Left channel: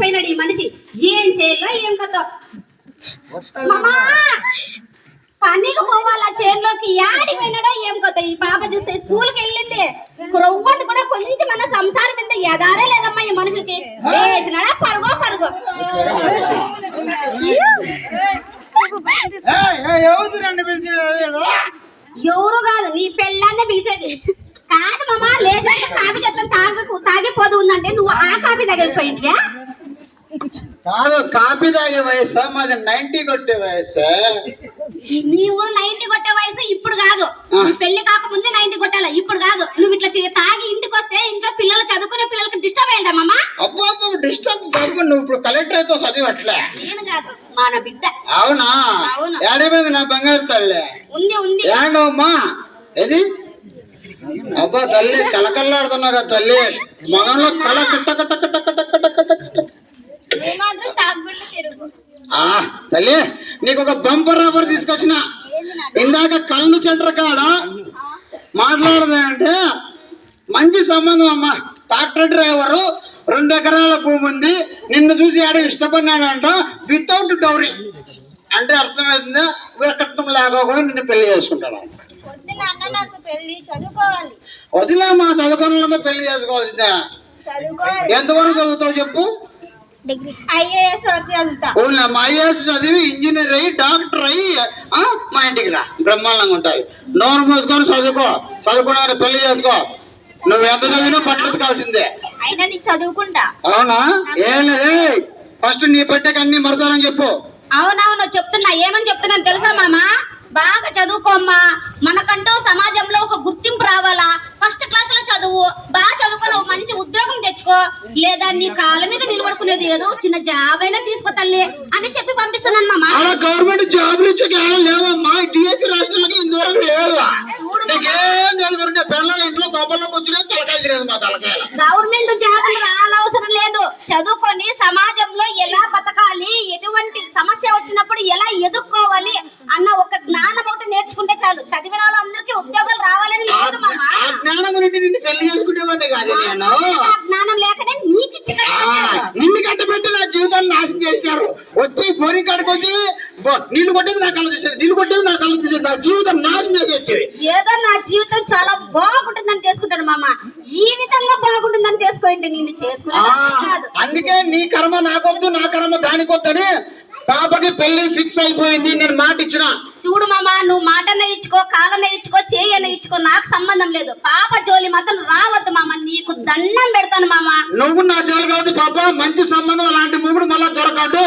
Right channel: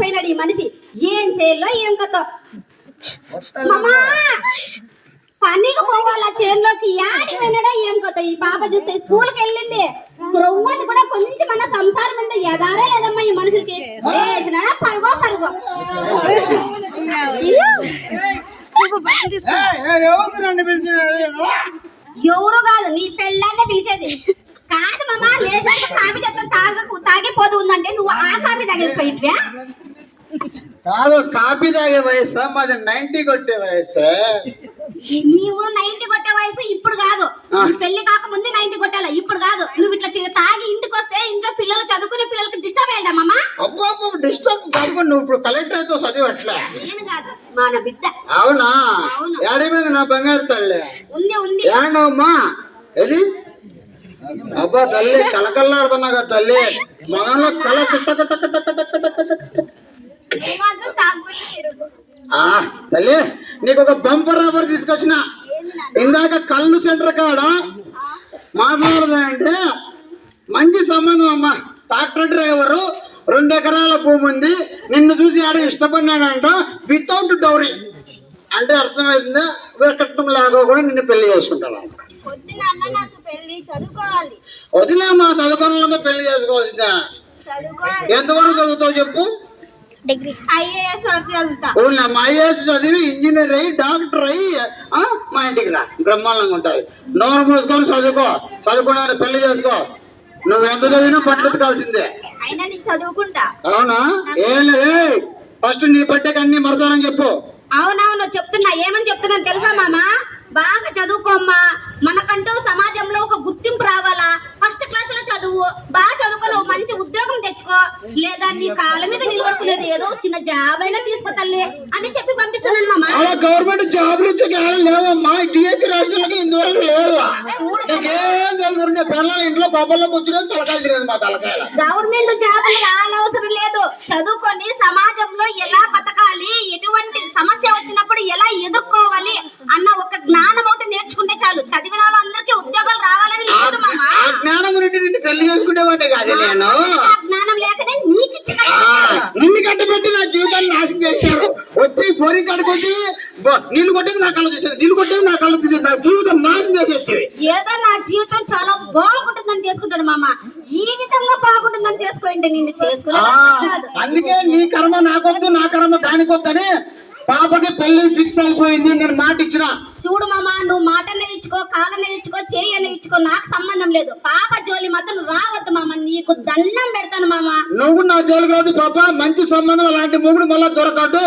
పోయినాడు ఈ మనిషి. ఏం చేయాలో ఏం కొత్త పనికి పోవాలా చేనులోకి యాడికి పోయినాడో ఏం కొత్త. ఈ పాప చూస్తే స్కూల్కి వెళ్ళింది, రొవ్వది కూడా కొంచెం మన సంసారం మీద ఎదారే లేదమ్మా ఈ మనిషికి. చేసినాడా పరుగో పరుగో. ఎవరు కాదు నీ పెళ్ళాన్నే పిలిచేది కాదు మామ. లేచాక కాఫీ చేస్తాను తాగిపోదు ఉందంటే నువ్వు ఆ కాఫీ తగిలిపోయింటివా? కాదు, కాఫీ తాగే వయసు మాది 90 కొట్టే వయసు. నీవు 90 కొట్టే వయసు ఇప్పుడు కాదు. పెళ్లి కాకముందే 90 కొట్టాలి, ఇప్పుడు కాదు. నువ్వు ఇట్లా తాగి ఇంటికి వస్తే ఇంట్లో పిల్లలు చదువుకునే పిల్లలకి డిస్టర్బ్ అయ్యిందమ్మా. అబ్బో డిస్టర్బ్ కాదు. నువ్వు ఇప్పుడు కలెక్టర్ అయితే చదివట్లే. నేను కాదు మన బిడ్డ. అవునా? ఏడైపోయింది నా బంగారు తల్లి? ఉంది ఏంటమ్మా ఇది? అబ్బా తల్లి కలకల్లాడుతున్నా కదా తల్లి. మగంలో కళ తల్లి నీకు ఒక బంపర్ రబ్బర్ తీసుకొచ్చిన. ఇందాక కళ్ళు సెంటర్ కాడ మాట్లాడదంటే మంచి సంబంధం అమ్మా. ట్రాక్టర్ డ్రైవరు, 2 ఎకరాల భూమి ఉంది, నిన్ను చూసి ఆడ ఇష్టపడినాడంట వితౌట్ డౌరీ. అంటే అర్థమైందా? కట్నం లాగా కూడా నిన్ను పెళ్లి చేసుకుంటాడు. వదిలేమ్మా, చదువుకోవాలంటే పెళ్లి చేసుకోవాల్సిందే. ఎంతవరకు చదువుతావు చెప్పు? IAS IAS చదివి ఇంజనీర్ అయ్యి డాక్టర్ అయ్యి మా ఇంటికి రా, బ్రహ్మాండంగా ఉంటాయి. నోరు మూసుకొని చదువుకున్నా పెళ్లి చేసుకో. నువ్వు ఎంత చదివినా పట్టుకాల్సిందే. చదువుకుంటా. అవునా? ఏం లేదు, ఫస్ట్ నీ పట్టేకి అన్ని మరసాలని చెప్పు. అవునవును చెప్తున్నా. ఏమని చెప్తున్నాను తెలుసా మామ? బాగా చదువుకోమ్మా, మనకంటూ సమాజంలో ఒక గుర్తింపు రావాలా. ఫస్ట్ క్లాస్ లో చదువు, బాగా చదువుకొని ఒక మంచి ఉద్యోగం తెచ్చుకో, లేదా నీ కాళ్ళ మీద నిలబడుకునేది ఏదో చిన్న జాబ్ అయినా తీసుకో తల్లి అని చెప్పి పంపిస్తున్నాను మామ. గవర్నమెంట్ జాబ్ లేవమ్మా, డిఎస్సీ రాష్ట్రాలకి ఇంతవరకు లేవా? ఇంట్లో కోపంలోకి వచ్చిన తలకాయలు తినేది మా తలకాయలు. గవర్నమెంట్ జాబ్ రానవసరం లేదు. చదువుకొని సమాజంలో ఎలా బతకాలి, ఎటువంటి సమస్య వచ్చినప్పుడు ఎలా ఎదుర్కోవాలి అన్న ఒక జ్ఞానం ఒకటి నేర్చుకుంటే చాలు. చదివిన వాళ్ళందరికీ ఉద్యోగాలు రావాలని లేదు మామ. జ్ఞానం నిన్ను పెళ్లి చేసుకునేవాడిని కాదు నేను. జ్ఞానం లేకనే నీకు నిన్ను కట్టబెట్టి నా జీవితాన్ని నాశనం చేశారు. వచ్చి బోరి కడుకొచ్చి నీళ్లు కొట్టేది నా కళ్ళు చూసేది, నీళ్లు కొట్టేది నా కళ్ళు చూసేది, నా జీవితం నాశనం చేసేది. ఏదో నా జీవితం చాలా బాగుంటుందని చేసుకుంటాను మామ. ఈ విధంగా బాగుంటుందని చేసుకోండి, నిన్ను చేసుకున్నాను. అందుకే నీ కర్మ నాకొద్దు, నా కర్మ దానికొద్దని పాపకి పెళ్లి ఫిక్స్ అయిపోయింది. నేను మాట ఇచ్చిన. చూడు మామ, నువ్వు మాటనే ఇచ్చుకో, కాలనే ఇచ్చుకో, చేయనే ఇచ్చుకో, నాకు సంబంధం లేదు. పాప జోలి మాత్రం రావద్దు మామ, నీకు దండం పెడతాను మామ. నువ్వు నా జోలి కాదు పాప. మంచి సంబంధం అలాంటి మొగుడు మళ్ళా దొరకడు.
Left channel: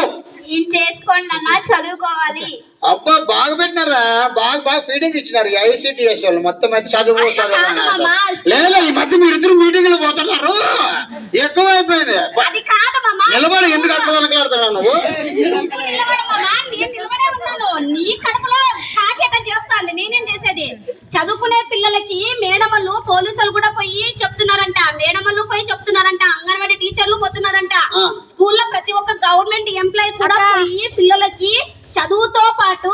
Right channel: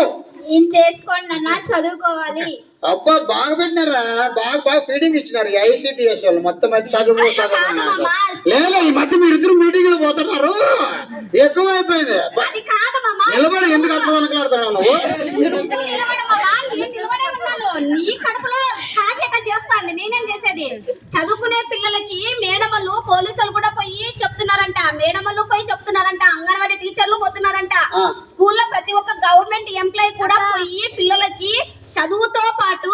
ఏం చేసుకోండి అన్న, చదువుకోవాలి. అబ్బా బాగా పెట్టినారా, బాగా ఫీడింగ్ ఇచ్చినారు ICTS వాళ్ళు. మొత్తం అయితే చదువు లేదా ఈ మధ్య మీరిద్దరు మీటింగ్లు పోతున్నారు, ఎక్కువ అయిపోయింది. నిలబడి ఎందుకు అట్లా వెనకలాడుతున్నావు నువ్వు? నీ కడుపులో కాకేట చేస్తాంది, నేనేం చేసేది? చదువుకునే పిల్లలకి మేడమల్లు పోలీసులు కూడా పోయి చెప్తున్నారంట, మేడమల్లు పోయి చెప్తున్నారంట, అంగన్వాడీ టీచర్లు పోతున్నారంట, స్కూల్లో ప్రతి ఒక్క గవర్నమెంట్ ఎంప్లాయీ కూడా పోయి పిల్లలకి చదువుతో పాటు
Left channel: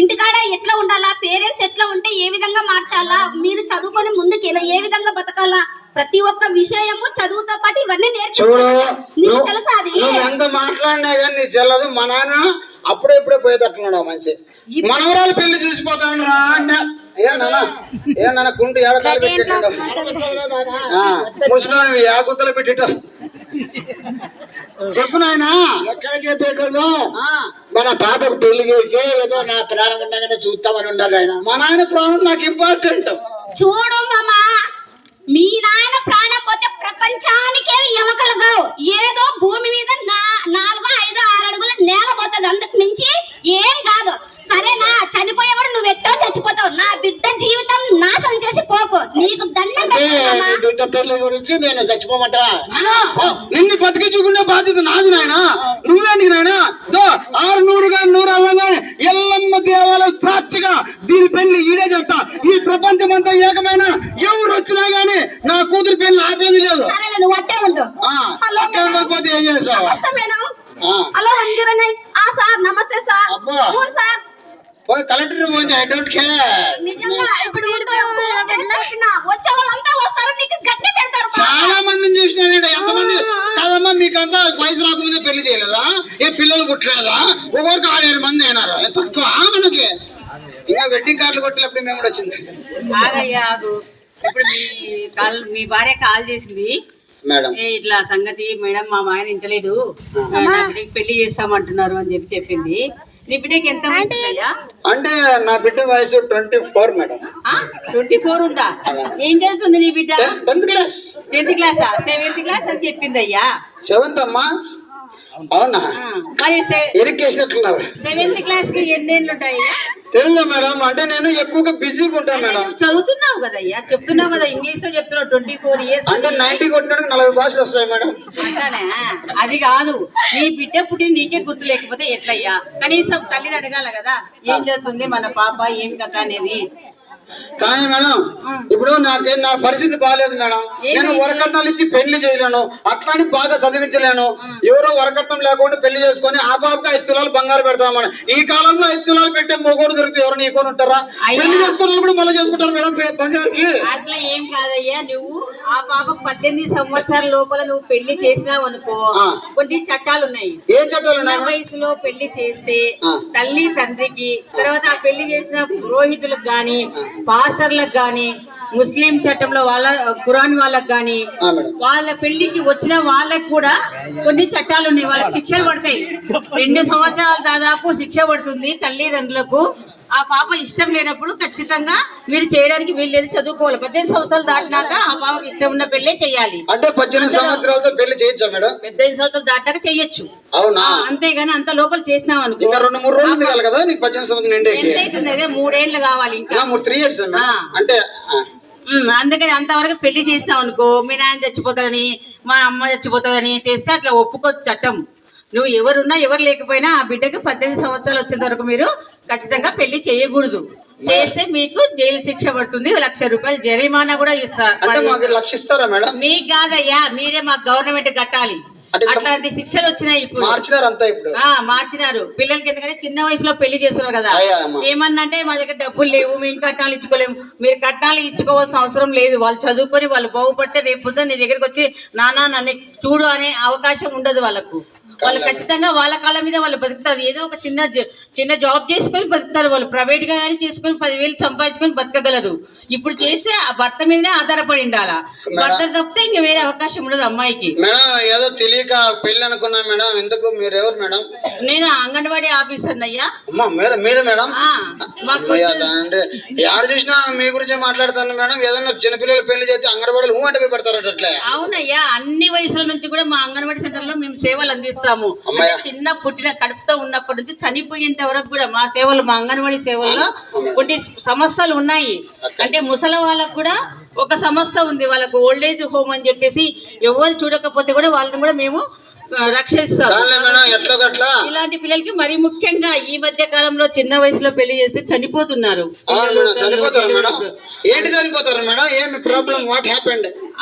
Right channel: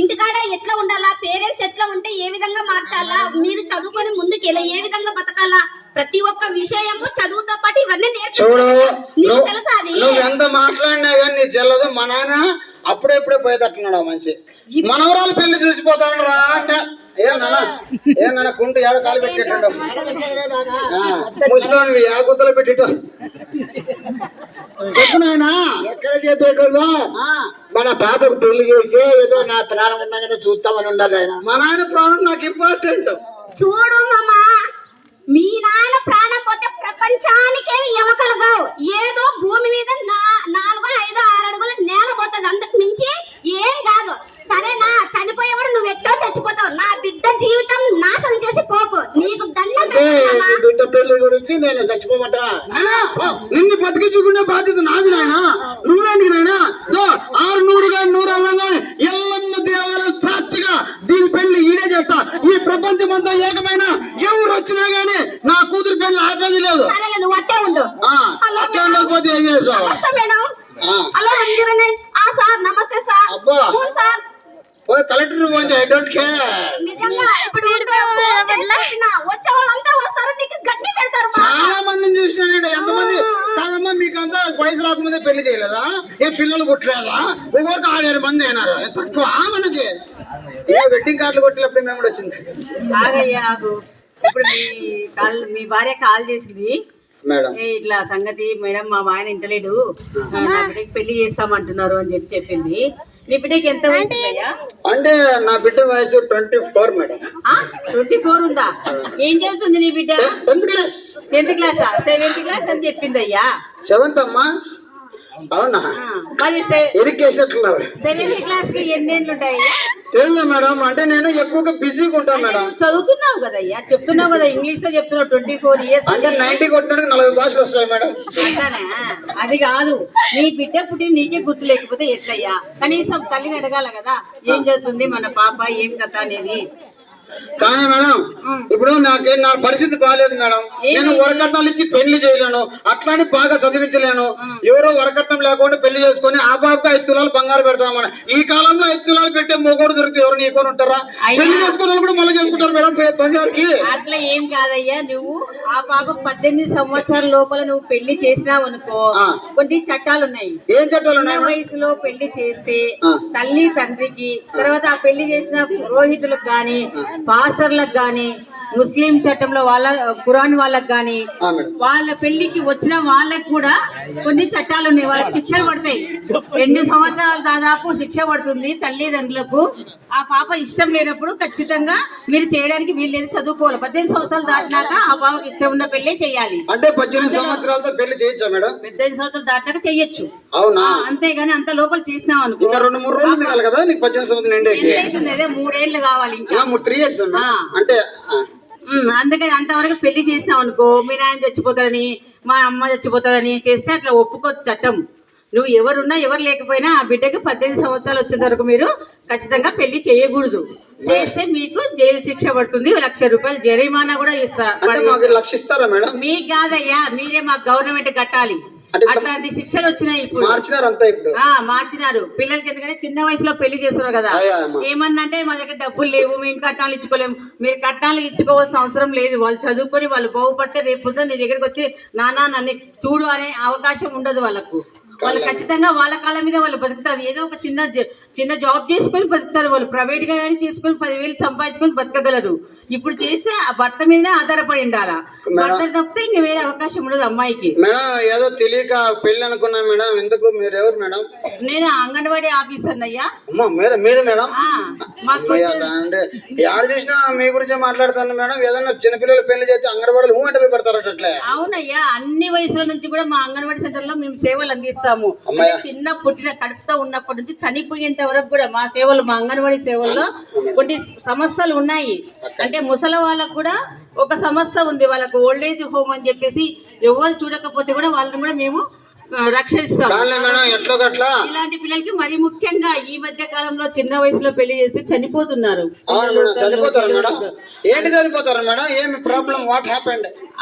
ఇంటికాడ ఎట్లా ఉండాలా, పేరెంట్స్ ఎట్లా ఉంటే ఏ విధంగా మార్చాలా, మీరు చదువుకొని ముందుకు ఎలా ఏ విధంగా బతకాలా, ప్రతి ఒక్క విషయము చదువుతో పాటు ఇవన్నీ నేర్చుకో. తెలుసా అది? ఎంత మాట్లాడినా కానీ నీ చెల్లదు. మా నాన్న అప్పుడెప్పుడే పోయేటట్లున్నాడు మనిషి. మనవరాలు పెళ్లి చూసిపోతాను రా అన్న. ఏనా కుంటు ఏడకాయలు పెట్టేటం ముసలి గుద్దలు పెట్టేట చెప్పు నాయన. ఎక్కడ చెప్పేటోళ్ళు మన పాపకు పెళ్లి చేసి ఏదో నా ప్రాణం ఉండగానే చూస్తామని ఉండాలి ఆయన. మా నాయన ప్రాణం నాకు ఇంపార్టెంట్. చూడు మామా, మీ నాన్న ప్రాణం పోతే ప్రపంచానికే ఎమకలుగా ఏదో భూమి మీద 4, 5, 6 అడుగుల నేల పోతుంది, అంతకు మించి ఏం కాదు. సరేనా? చనిపోయేవాడు నువ్వు ఎట్టో చచ్చిపోతావు, నా బిడ్డ జీవితం నాశనం చేసి పోకు, నీకు దండం. బిడ్డ పెళ్లి గురించి నేను చచ్చిపోమంటా? నిన్ను బతికించుకునే బాధ్యత నాది నాయన. నువ్వేంటికి నాయన 600 అవ్వగానే ఎల్లమ్మ దేవాలయం సాక్షిగా దీని పెళ్లి ఈడే చేస్తా. ఈ ప్రపంచం అంతా ఏకమైన ఎవరు వచ్చినా గానీ నా కూతురు పెళ్లి ఆపేది లేదు. నువ్వు అట్టే ఉండు. ఉండకపోతే ఏం చేస్తావు? హలో సార్, నమస్తే సార్. అబ్బా sir collector I don't care. నిజంగా ఇప్పుడు వచ్చే వాళ్ళంతా వస్తారు, నీకు గట్టి పెడతారు మా. చాలా మందిని చూసినానండి. ఎంతమంది కాదమ్మా, మీకంతా వయసు రాకముందే పెళ్లి చేయలేదా? ఏ పిల్లలు పుట్టలేదా? ఒక్కొక్కరికి 6-7 మంది అయినారు. తక్కువ మనకి. ఇలా వెడ్డింగ్ కార్డులు కొట్టినప్పుడు మేము కూడా వచ్చింది ఆగయ్యా ఆగు. ఇప్పుడు మీ భార్య కాల్ చేసింది, మేడం. ఇట్లా సంగతి మేడం మా ఆయన ఇంటలేడు, నా బిడ్డకి పెళ్లి చేస్తామంటున్నారు అని చెప్పింది. నీ బిడ్డకి ఎంత వయసు అయ్యా? అంటే నా బిడ్డ వయసు 24 మేడం. 24 ఉందా? ఏం చదువుతుంది నీ బిడ్డ? 10th class. 10th క్లాసా? 7th క్లాస్ అని చెప్పింది అయ్యా. 7th అమ్మా. అవునా? మరి ఇరికేసినట్లున్నారు. 7th క్లాస్ కి ఎన్ని ఏళ్ళు ఉంటాయి? తెలియదు మేడం. అంటే నేను ఎక్కువగా బిజీగా ఉంటాను మేడం. చదువుతున్నావు కదా అయ్యా, చెప్తున్నావు కదా, ఇంగ్లీష్ లో చెప్తున్నావు. 24 ఇయర్స్ అంటే 90 కొట్టినట్టు 40 భాషలు వస్తాయి మేడం. అంటానే. అది కాదు, నీ బిడ్డ పుట్టి నీకే గుర్తు లేకపోతే ఎట్లయ్యా? కనీసం తల్లిని అడగాల కదా, ఏం చదువుతుంది మన పాప, ఏం కథ అనేది. కానీ మేడం, ఇప్పుడు నా పరిస్థితి బాగాలేదు మేడం. నేను వరకట్నాలు ఇచ్చి పెళ్లి చేయలేను, అట్లాని బాగా చదివించలేను. ఎవరో వరకట్నం లేకుండా పెళ్లి చేసుకొని ఆ బాబుకి 5 తులాలు బంగారు పెడతామని. ఈ కాలంలో 5 తులాలు పెట్టే మొగోడు దొరికితే ఎవరు నీకొని ఉంటారా? పెళ్లి చేసుకున్నప్పుడు మళ్ళీ చేసుకుంటారు మేడం బంగారుకి. అట్లా ఏం కాదయ్యా, నువ్వు ఆ పాప 18 సంవత్సరాల లోపల నువ్వు పెళ్లి చేసినావు అనుకో, కొన్ని చట్టాలు ఉన్నాయి. ఏం చట్టాలు ఉన్నాయి? చిన్న వయసులో పెళ్లి చేస్తే తల్లి తండ్రికి, తర్వాత ఆ పెళ్లి చేసిన పురోహితులకు గాని, పాస్టర్లకు గాని, ముస్లిం చట్టంలో వాళ్ళ ఖురాన్ వాళ్ళకి గాని, వాళ్ళ పెళ్లికి వచ్చిన వాళ్ళకి కూడా కొన్ని చట్టాలు ఉన్నాయి. వాళ్ళకి శిక్షలు పడతాయి. 2 సంవత్సరాలు దాదాపు శిక్ష పడుతుంది తల్లిదండ్రులకు. ఆ పాప ఇష్టం లేనప్పుడు ఖచ్చితంగా మీరు చేయడానికి వీల్లేదు, చదువుకోవాలి. 18 సంవత్సరాలు దాటినాక ఆ పాపకి ఇష్టం ఉన్న పెళ్లి చేయాలి. అంటే 18 సంవత్సరాలతో పెళ్లి చేయొచ్చా మేడం? 18 సంవత్సరాలు దాటాక చెయ్యొచ్చు. అవునా? అంతేగాని అంత లోపల చేసినాం అనుకో, ఇంకా 2-3 రోజులు కావాలి కదా నీకు 18 సంవత్సరం నిండి. 3 ఏళ్ళు కావాలి ఇంకా. 3 years అంటే. అందుకని అంతవరకు పెళ్లి చేసినావు అనుకో, మీ నాయన చచ్చిపోతాడని, మా అమ్మ చచ్చిపోతుందని చేస్తే అట్లా ఒప్పుకోవచ్చు చట్టం. నువ్వు ఎవరున్నా ఎవరు లేకపోయినా ఆ బిడ్డకి 18 సంవత్సరాలు వచ్చేంత వరకు మీరు ఖచ్చితంగా పెళ్లి చేయకూడదు. చేస్తే మీకు జైలు శిక్ష పడుతుంది, 1,00,000 రూపాయలు జరిమానా కూడా ఇస్తారు. అంటే మాకు 1,00,000 ఇస్తారా మేడం? మీకు కాదయ్యా, మీరే మాకు గవర్నమెంట్ కట్టాలి. అట్లాంటి శిక్షలు వచ్చినాయి ఇప్పుడు. మార్చినారు పిల్లలకి. ఎందుకంటే చిన్న వయసులో పెళ్లి చేస్తున్నారు కదా. ఏమన్నంటే మా దగ్గర డబ్బులు లేవు, మేము కట్నాలు ఇచ్చుకోలేము. మీరు కట్నాలు ఇచ్చుకోవాల్సిన అవసరం లేదు. వాళ్ళు చదువుకొని వాళ్ళు బాగుపడితే రేపు నీ దగ్గరికి వచ్చి నాన్న నన్ను చూడు అనే అవకాశం ఉండదు వాళ్ళకు. వాళ్ళు ఖచ్చితంగా వాళ్ళ కాళ్ళ మీద వాళ్ళు బతుకుతారు. ఏదో ఒక చిన్న జాబ్ చేసుకొని బతుకుతారు. వాళ్ళు ప్రైవేట్ గా కానీ చేసుకొని 10,000 సంపాదించుకొని బతకగలరు. ఇప్పుడు చేస్తే ఆ భర్త మీదే ఆధారపడి ఉండాలా. భర్త తప్పితే ఇంక వేరే అవకాశం ఉండదు అమ్మాయికి. మేడం ఏదో తెలియక పెళ్లి అనుకున్నా మేడం. ఎందుకు? మీరు ఎవరు మేడం? నేను అంగన్వాడీ ఆఫీసర్ అయ్యా. మీరే మేడం? అంటే ఎక్కడ చూసినా మీ గురించి మాట్లాడుతాను మేడం. ఏదన్నా చిన్నపిల్లలు పెళ్లి చేస్తే అంగన్వాడీలు అంటే పోయి పెడతారు అట్లే. అవునయ్యా, అన్ని వయసుల నుంచి కూడా మా అంగన్వాడీ సెంటర్ లో మేము సేవలు అందిస్తాం. చిన్న పుట్టిన కడుపుతో ఉన్నప్పటి నుంచి చనిపోయేంత వరకు కూడా మా సేవలు, మా అంగన్వాడీ సేవల్లో కొన్ని సంస్థలు ఉన్నాయి. అంటే ముసలి వాళ్ళకు కూడా ఒక సంస్థ ఉంది, వాళ్ళకు ఓల్డ్ ఏజ్ హోమ్ అని చెప్పేసి. ఎవరు చూడకపోతే కూడా వాళ్ళని కూడా మేము రక్షిస్తాం. ఇలాంటి పిల్లలకి మరి ముఖ్యంగా ఈ మధ్య కాలంలో చిన్న వయసులో పెళ్లి చేసి చనిపోతున్నారు.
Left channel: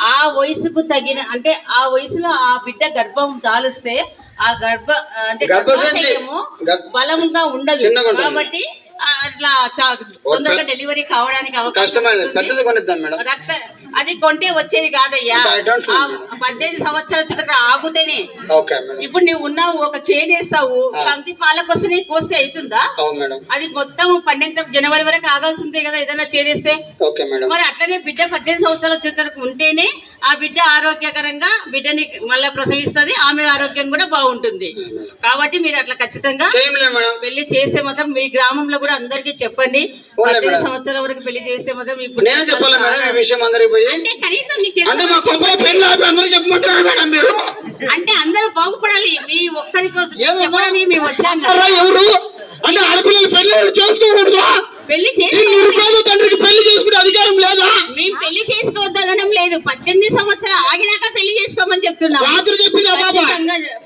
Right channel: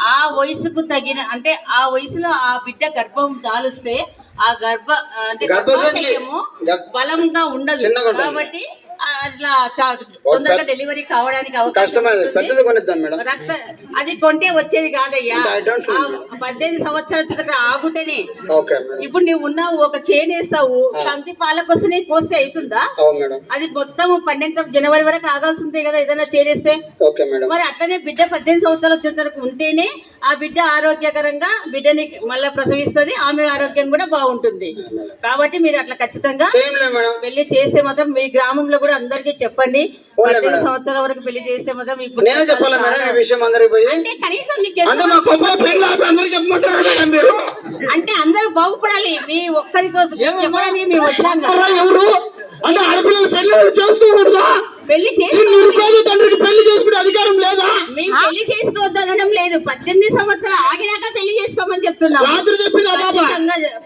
ఆ వయసుకు తగిన, అంటే ఆ వయసులో ఆ బిడ్డ గర్భం దాలిస్తే ఆ గర్భాశయము బలంగా ఉండదు కాబట్టి అట్లా తొందరగా డెలివరీ కావడానికి అవకాశం. అది కొంటే వచ్చేది కాదయ్యా. 18 సంవత్సరాల ఆగుతేనే. ఇప్పుడు నువ్వు ఉన్నావు, ఒక చేను వేస్తావు, కంటి పాల కోసం కోస్తే అవుతుందా? అది మొత్తం 12 జనవరి వరకు ఆగాల్సిందే కదా ఏదైనా చేనేస్తే. మరి అట్లనే బిడ్డ 18 సంవత్సరాలు వచ్చేంత వరకు ఉంటేనే ఆ బిడ్డ ఆరోగ్యకరంగా బిడ్డని మళ్ళీ ప్రసవిస్తుంది, ఆమె ఆరోగ్యం కూడా బాగుంటుంది. కాబట్టి మీరు అట్లా ఖచ్చితంగా పెళ్లి చేస్తే మాత్రం మీ గ్రామంలో కూడా అందరికీ చెప్పండి. 18 సంవత్సరాల వరకు పెళ్లి చేస్తే మాత్రం ఇప్పుడు అంటే అందరూ బాగుపడాలి. మీ ఒక్కరి కోసం చెప్పడానికి మేము వచ్చాం కదా. అంటే ఆడపిల్లలు పెళ్లి చేసుకోకూడదా? పెళ్లి తండ్రికి పెళ్లి చేసుకునే అధికారం లేదా? మేము పెళ్లి చేసుకోవద్దనడం లేదు. 18 సంవత్సరాలు ఆగినాక పెళ్లి చేసుకోమని చెప్తున్నాం.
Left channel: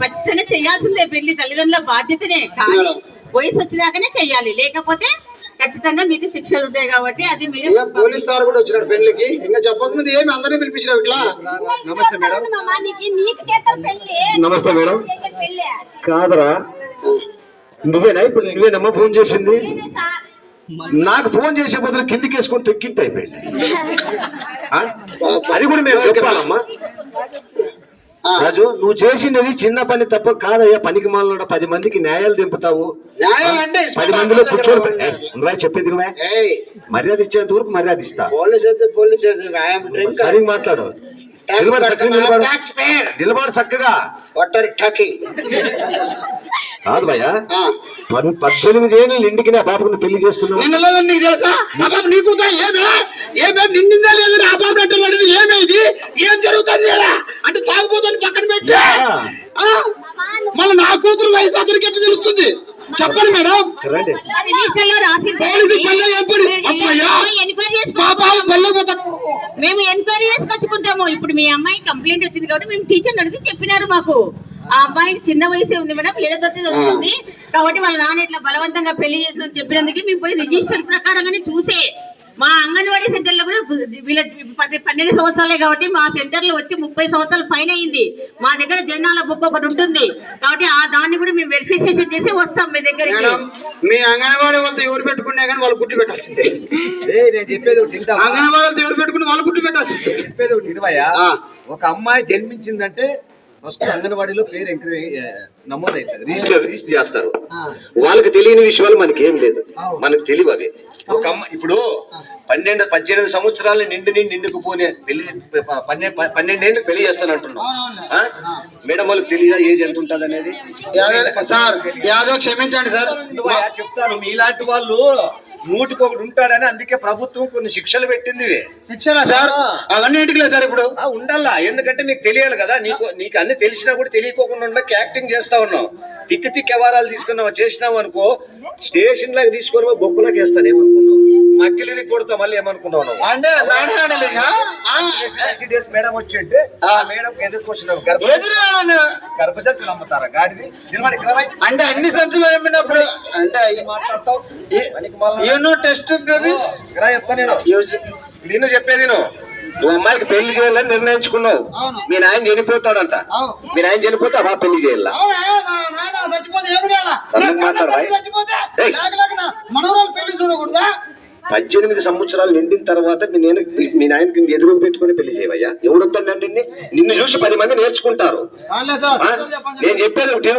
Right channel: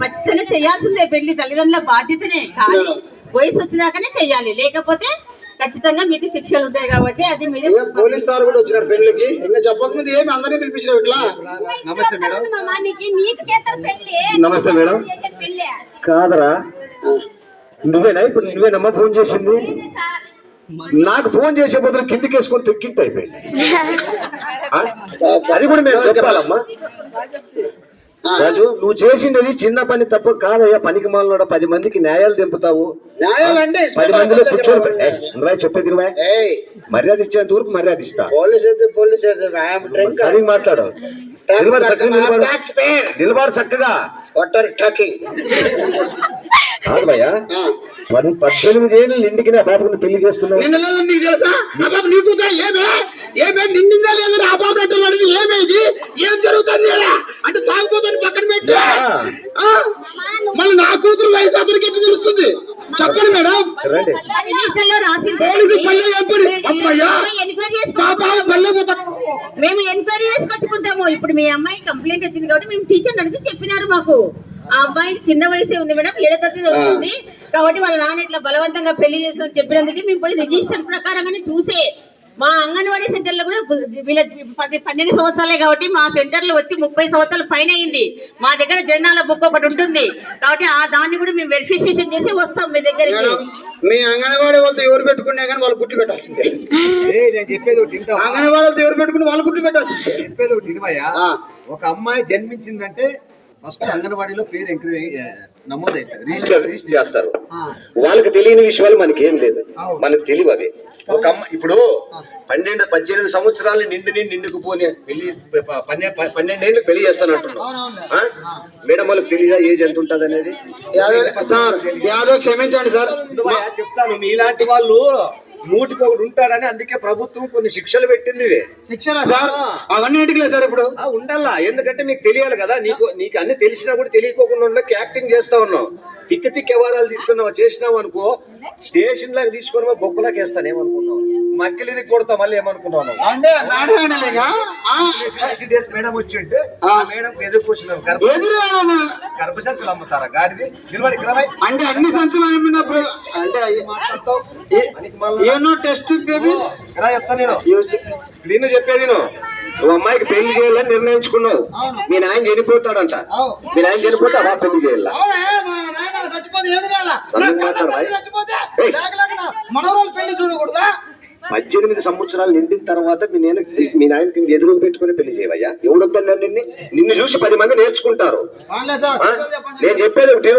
ఖచ్చితంగా చేయాల్సిందే పెళ్లి, తల్లిదండ్రుల బాధ్యతనే. కానీ వయసు వచ్చినాకనే చెయ్యాలి, లేకపోతే ఖచ్చితంగా మీకు శిక్షలు ఉంటాయి. కాబట్టి అది మీరు. పోలీస్ సార్ కూడా వచ్చినారు పెళ్లికి. ఇంకా చెప్పకముందు ఏమి అందరినీ పిలిపించినారు ఇట్లా. నమస్తే మేడం. నమస్తే మేడం. కాదరా, నువ్వేనా ఇప్పుడు? నువ్వేనమ్మా ఫోన్ చేసింది? నాకు ఫోన్ చేసే బదులు కిందికి వేసుకొని తొక్కింటి అయిపోయింది. ఆ? అది కూడా మేము చెప్పాలమ్మా. రాజు, నువ్వు చేసింది చిన్న పని తప్ప కాదయ్యా. పనికి మాలనాడు 10 మందికి న్యాయాలు దింపుతావు. న్యాయాలంటే 10 మందిలో కూర్చొని చెప్పేది మర్యాద ఇచ్చేంత వరకు మర్యాద ఇస్తా. సరిగ్గా మాట్లాడు. నిలబడు చక్కగా. కాదు భయ్యా, 18 ఏళ్ళు ఇంటికి నా పాపకు పెళ్లి చేస్తున్నావు. నిన్న లేదని నీకు తెలుసా? ఆ పాప నీ కూతురా? ఏమే నిన్నిందా లేదని ఆ పాప అంటున్నాడు. ఏమేది ఏం జరుగుతుంది అంటే తాగుపోతుంది పక్కన పెట్టి మళ్ళీ నా కూతురు వయసు అతనికి ఎట్లా తెలుస్తుంది? చెప్పండి మేడం. రండి. రిజిస్టర్ లో రాసి పోలీసు పల్లె చెప్పండి. అమ్మయ్యా ఎంక్వైరీ పాప పల్లెపోతా. మేము ఎంక్వైరీ చేసుకొచ్చుకుంటాము. ఇప్పుడు మీ అమ్మాయి కంప్లైంట్ వచ్చింది కాబట్టి మేము టీచర్ అడిగి చెప్పినారు మాకు. ఆ అమ్మాయికి చిన్న వయసే ఉంది మేడం, 7వ తరగతి చదువుతుంది కాబట్టి వాళ్ళ నాన్న ఇట్లా బలవంతంగా పెళ్లి చేస్తున్న చెప్పినందుకు మేము పోయి రిజిస్టర్ ప్రకారంగానే చూసే మా అంగన్వాడీ సెంటర్లో కూడా వీళ్ళ 12 సంవత్సరాలే కాబట్టి మా సెంటర్లో వచ్చి 30 సంవత్సరాల పైన అయింది. మా దగ్గర జనాల బుక్ ఒకటి ఉంటుంది కాబట్టి ఆ దాన్ని కూడా మేము వెరిఫికేషన్ చేసి వస్తాం మీ దగ్గరికి. మీ అంగన్వాడీ వాళ్ళతో ఎవరు పెట్టుకున్నా కానీ వాళ్ళు గుట్టి పెట్టాల్సిందే. నేను చెప్పేది ఒకటి వింటావా? అంగన్వాడీ వాళ్ళతో ఎవరు పెట్టుకుని వాళ్ళు గుట్టి పెట్టాల్సిందే. చెప్పేది ఒకటి వినవయ్యా. ఒక అమ్మాయి జన్మించిందంటే ఫస్ట్ అంగన్వాడీలో పేరు ఎంక్వైరీ నమోదవుతుంది, రిజిస్టర్ చేస్తారు. వాళ్ళకి తెలియని విషయాలు మనకి ఏం లేదు, మనకు తెలియవు అవి. ఒక అమ్మ ఇప్పుడు 18 సంవత్సరాలు నిండుకుపోనే పెళ్లి 12 ఏళ్ళకి పెళ్లి చేస్తాను అంటున్నాం. మేడం వాళ్ళకి తెలియదా ఏజ్ ఎంత ఉంటుంది అనేది? సార్ యాదో క్షమించండి సార్. చెప్తాను, మీలాంటి వాళ్ళు 100కి ఉంటాడని అందుకే ప్రభుత్వం కొన్ని శిక్షలు పెట్టింది. శిక్షణ సార్ అవన్నీ ఇంటికి లేదు సార్. ఇప్పుడు ఉండాలా, ఎందుకంటే నీకు తెలియాలి కదా. నీకు అన్ని తెలిసినా కూడా తెలియకోకుండా ఉండక యాక్టింగ్ చేస్తా ఉన్నావు. తిక్కి వ్యవహారాలు తీసుకున్నావు చేసినావు అనుకో, స్టేషన్ లాగా తీసుకొని బొక్కులాకి వేస్తాను ఏమనుకున్నావు, మక్కిలికి కొడతా మళ్ళీ ఏమనుకున్నావు అంటే మేడం వచ్చి ఉంటే ఆ మేడం ఎదుర్కొచ్చినావు గర్భసంచులు అమ్ముతారా గాడిది అంటే అన్ని సంచులు అమ్మినప్పుడు అంటే మాట్లాడతావు. టెస్ట్ బేబీస్ చెప్తా నేను నేను చెప్పేది నువ్వు అమ్మాయికి పెళ్లి చేయాలని నిర్ణయించుకున్నావు. మీ నాయన చనిపోతాడంట, మీ నాయన చనిపోతే అలా పెళ్లి చేయాల. మనవరాలు పెళ్లి చూడకూడదా? 18 సంవత్సరాలు నిండిన తర్వాత మీ నాయనకి ఎదురు పెట్టుకుని పెళ్లి చేయవయ్యా. ఎవడొద్దండి నిన్ను చూసి 10 మంది నేర్చుకుంటారు. నేను చెప్పేది ఒకటి,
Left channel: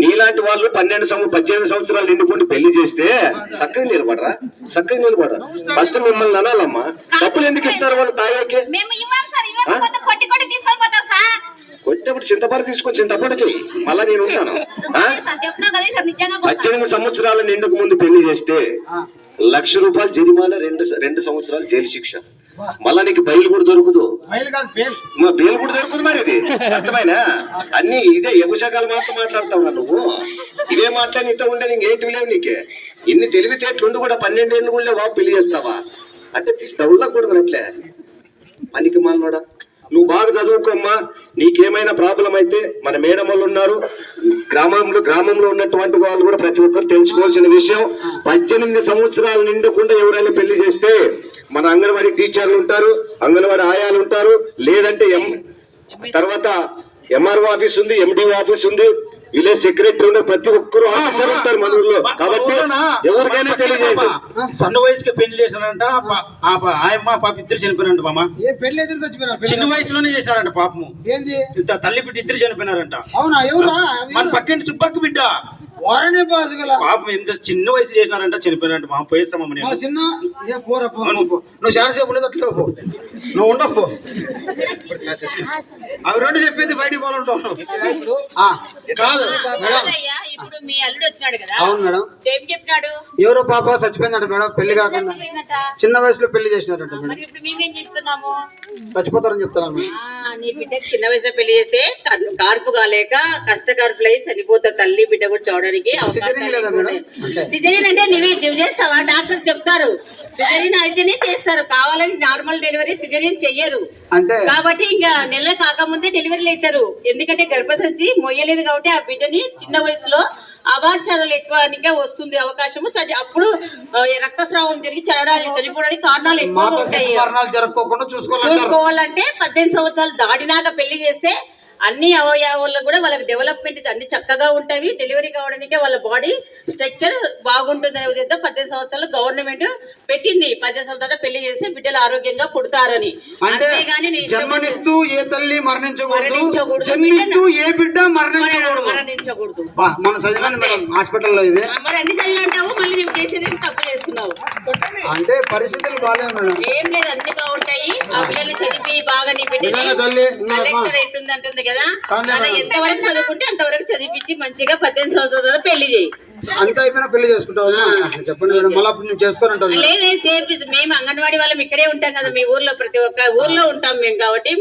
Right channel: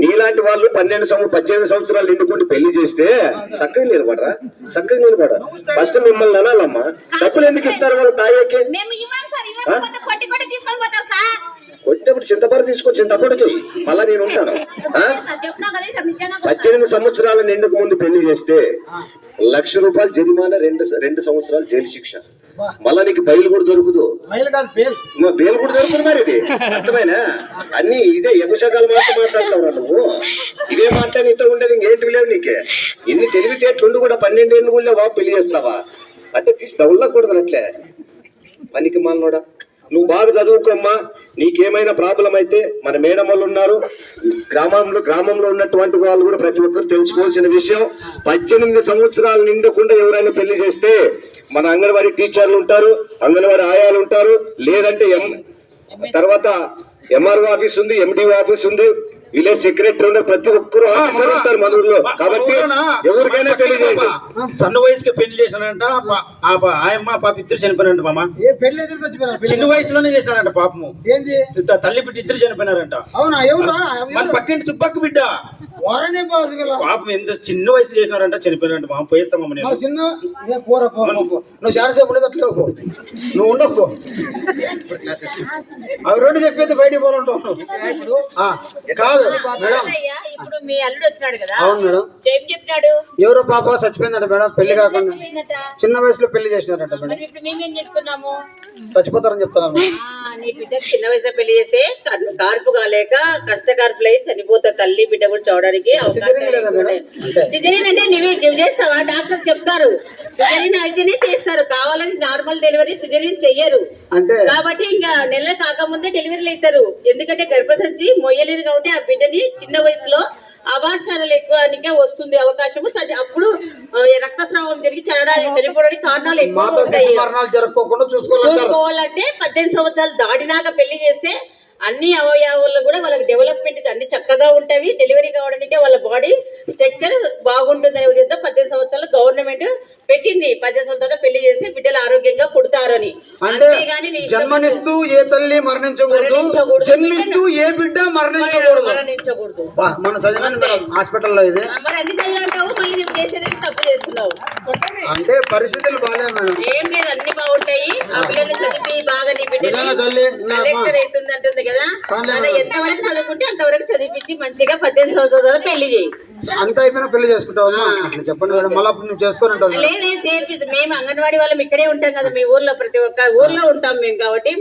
నీలాంటి వాళ్ళు 18 సంవత్సరాలు నిండుకుంటూ పెళ్లి చేస్తే చక్కగా నిలబడరా? చక్కగా నిలబడరా? ఫస్ట్ మిమ్మల్ని అనాలమ్మా. డబ్బులు ఎందుకు ఇస్తారు వాళ్ళు తాగాకి? కొట్టేప్పుడు చింతపండు తీసుకొని చింతపండు చెయ్యి, మళ్ళా నేను ఉంటాను. 18 సంవత్సరాల నిండుకు ముందు పెళ్లి చేస్తే ₹1,00,000 జరిమానా, 2 సంవత్సరాలు జైలు శిక్ష. మళ్ళా నీకు బయలు కూడా దొరుకుదు. బేలు కూడా దొరుకుతుంది. మరి ఇది అర్థమైనా? అన్ని ఇదే ఎగుశకాలు మాట్లాడతావు నువ్వు. ఇవే మాట్లాడి ఇంత ఉండేది ఇంకేంటివి లేవు నీకే. ఇన్ని తెలివితేటలుండి కూడా 12 ఏళ్ళు కూడా బాబు పెళ్లి చేస్తావా అంటే తీసుకోకూడదు అట్లే పనికి మాలనోడా. నువ్వు బాగా చదువుకోమ్మా. నీకేమైనా ప్రాబ్లం అయితే మన మేడం వాళ్ళు ఉన్నారు, గ్రామంలో ఉన్నటువంటి వాళ్ళు కూడా ప్రతి ఒక్కరు తెలుసుకోవాల్సిన విషయం. 18 సంవత్సరాలు నిండకుండా ఎవరైనా పెళ్లి చేస్తే మన అంగన్వాడీ టీచర్లు ఉంటారు, అంగన్వాడీ ఆయాలు ఉంటారు, లేదంటే తర్వాత ఎంఆర్ఓ ఆఫీస్ ఉంది, ఎండిఓ ఆఫీస్ ఉంది, విలేజ్ సెక్రటరీ ఉన్నారు, ప్రతి ఒక్కరు ఆఫీసర్ ఉంటారు మన ఊర్లో. కాబట్టి ఎవరికైనా తెలియదు. సన్న వయసుకి పెళ్లి చేశానంట ఆయమ్మ పాప ఇద్దరు చనిపోయినారంట. మామ చిన్న వయసులోనే చేశారంట పాపము. ఏంది తల్లి బిడ్డ ఇద్దరు చనిపోయినారంట. అవునా? ఎవరు? మన పక్కింటి చుప్పక్క బిడ్డ. పాపం ఎంత చిన్న వయసు చేసినారంట, చనిపోయినారంట. మామ పోయిస్తామమ్మ నేను. చిన్న నువ్వు చాలాసేపు ఉండదు అట్లే నువ్వు ఉండవు. అవి రెండు చెప్పేది బయటికి పోవాలంటావు కాదు. ఇప్పుడు మీ అల్లుడు వచ్చినాడు కదా. అవును మేడం. ఏం చెప్పినాడు? ఎవరో పాప చచ్చిపోయిందంట మేడం, పెళ్లి కాకుండా చిన్న వయసులో పెళ్లి చేసినారంట మేడం. ఇప్పుడు మేమేం చేస్తున్నాము? చచ్చిపోతారని చెప్తున్నాను. నీ బిడ్డకి చిన్న వయసులో పెళ్లి చేస్తే కార్పు కాలేక కష్టకార్పులై చనిపోతా తల్లి బిడ్డ కూడా చూడడానికి. సిజరీన్ అంటే నువ్వు చేస్తావా? డాక్టర్ చెప్తారు సిజరీన్ అయితేనే చేస్తారు, కావాలని నార్మల్ డెలివరీ సిజరీన్ చెయ్యరు. అంటే కాబట్టి ఇంకా నెల కాకముందే డెలివరీలు అవుతారు. ఎందుకంటే గర్భసంచి మొయ్యలేదు కాబట్టి ఆ బిడ్డని చిన్న వయసులో అభాషణలు ఎక్కువ వస్తుంది అవకాశము. అప్పుడు రక్తస్రావం జరిగి చనిపోవడానికి కారణాలు ఎక్కువ ఉంటాయి. చూసుకోవాలంటే 18 సంవత్సరాలు దాటినాక పెళ్లి చేస్తే అన్ని అవయవాల్లో కూడా వాళ్ళకి డెవలప్మెంట్ అన్ని చక్కగా ఉంటాయి. డెలివరీ కావడానికి వాళ్ళ బాడీ స్ట్రక్చర్ బాగుంటుంది అనే విధంగా 18 సంవత్సరాలు గవర్నమెంట్ పెట్టింది. 18 సంవత్సరాలు పెళ్లి చేస్తే బిడ్డలు ఆరోగ్యంగా పుడతారని. అంటే అంతేగాని నీ ఇష్టం జన్మనిస్తూ ఏ తల్లి మరణించకూడదు, మరణించకూడదు. జన్మిస్తూ ఏ బిడ్డ మరణించకూడదు. మరణించకూడదు. మన చదివాను హాస్పిటల్లో ఇది. మరి అన్ని చదివి అంటావు, మళ్ళీ మేము చేసేది తప్పు చేస్తున్నావు. అంటే పరిస్థితులు బాగాలేదు మేడం. ఏం లేదు, అన్ని బాగుంటాయి. ఆ పిల్లల్ని చదివి బాగా నీ బిడ్డ నిజంగా తల్లి కలెక్టర్ అవుతుంది అంటుంది కదా, కానీ అలా ఎంతవరకు చదువుకుంటే అంతవరకు చదివించి మంచిగా 18 సంవత్సరాలు పెళ్లి చేయి. అంత అయిపోయినా పెళ్లి చేసుకుంటావు అట్లా చెప్పండి మేడం. మళ్ళీ అప్పుడు నువ్వు చేసుకొని ఉంటావు. లేదే చేపి మేము అంగన్వాడీ వాళ్ళం ఇక్కడే ఉంటాం కదా, మీ ఊర్లో ప్రతి ఒక్క ఊర్లో ఉంటాం మేము కాబట్టి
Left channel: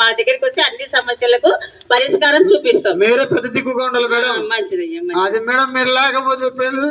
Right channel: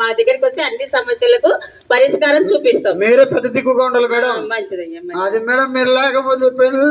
మా దగ్గరికి వస్తే అన్ని సమస్యలకు పరిష్కారం చూపిస్తాం. మీరే పెద్ద దిక్కుగా ఉండాలి మేడం. మంచిదయ్యా. అది మేడం మీరు లేకపోతే పెళ్ళి